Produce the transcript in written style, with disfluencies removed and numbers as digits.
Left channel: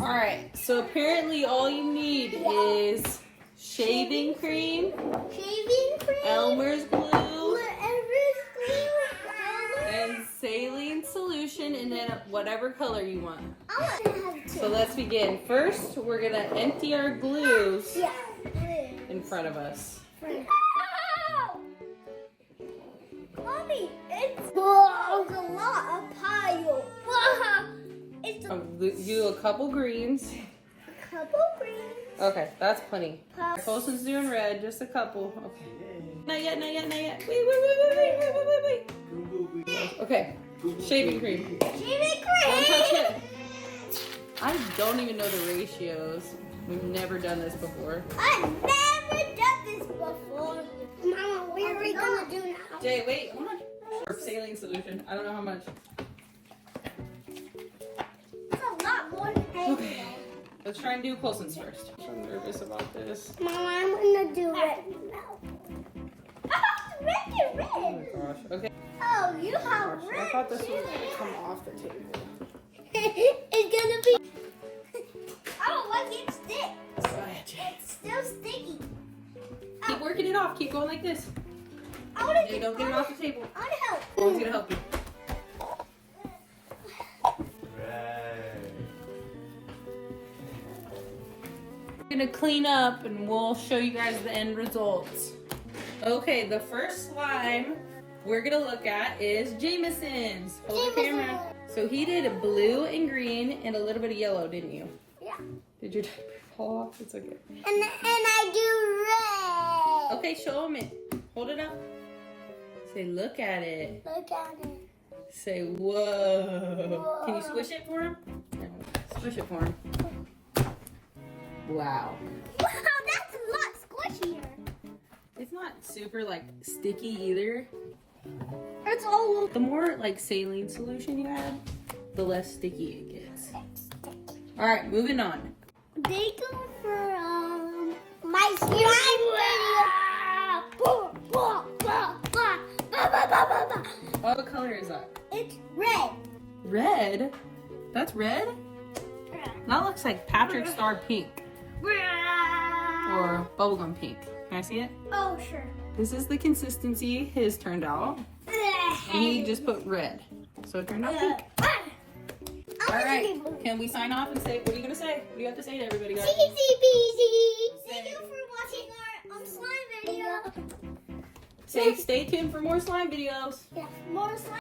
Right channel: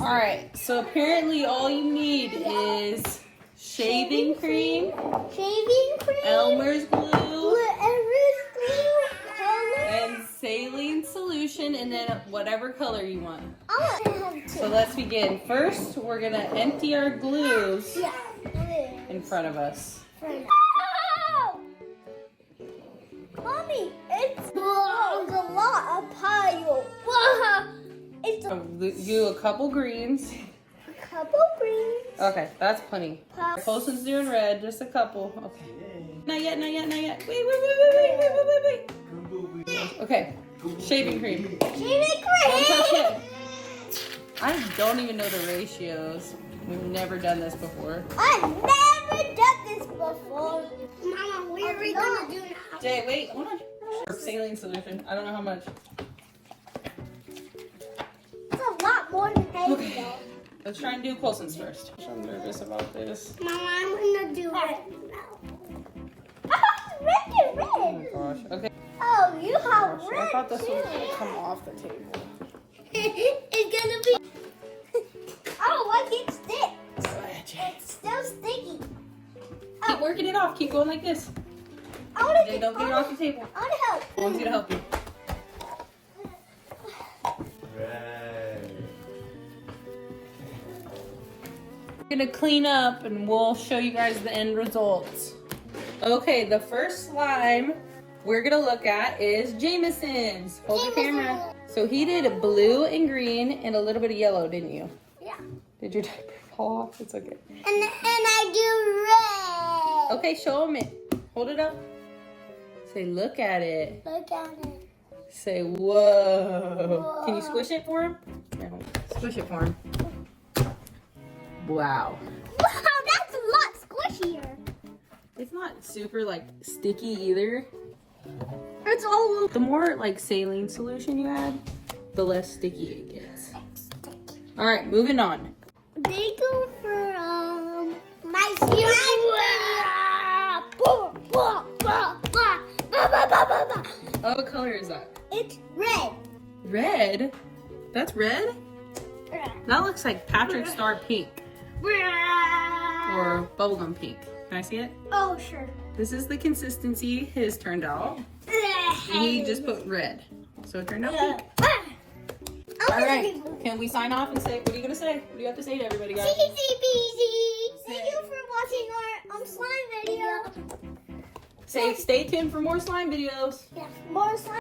All right, so apparently all you need is shaving cream, Elmer's glue, and saline solution, and then whatever color you want. So let's begin. First, we're gonna empty our glues in front of us. Mommy, it's a lot of pile. Do a couple greens. Okay, that's plenty. Colson's doing red, just a couple. Okay. Not yet, not yet, not yet. Wait. Okay, shaving cream. Don't touch it. I don't even know the ratios. We've never done this before. I've never done this before. Mama, what are we gonna do now? Jay, wait, hold on. Saline solution. I don't know how much. It's a lot more than that. Okay. Let's try and do Colson's first. I'm nervous about this. Mama, I'm gonna do it now. Oh my gosh. Okay. Oh, you have Gosh, red I thought this was too. gonna come off the table. It's gonna be. Oh, look, it sticks. It's still sticky. Keep working it off. Keep going like this. I wanna Okay, don't get it off the table. I wanna help. Mom's gonna help you. We're gonna clean up and we'll show you guys the end results. Okay, the first slime we're gonna look at is Jameson's. Hold the camera. So he did blue and green and a little bit of yellow, didn't you? Yeah. Did your diaper fall off? It's okay. And I do red. Okay, show him it. Hold it up. Say, look at it. Look at it. Say, whoa. Can you squish it for him? Squish it for him. Wow. Wow, that's a lot squishier. It's not super like sticky either. It's all the more like saline solution you add, the less sticky it gets. All right, moving on. They go for my slime. Oh, what color is that? It's red. Red? That's red? That looks like Patrick Star pink or bubblegum pink. Can I see it? Oh, sure. This is the consistency his turned out. And he just put red. So it turned out pink. All right. Can we sign off and say, what are you going to say? What do you have to say to everybody, guys? Easy peasy. Thank you for watching our slime video. Say, stay tuned for more slime videos. Yeah, more slime.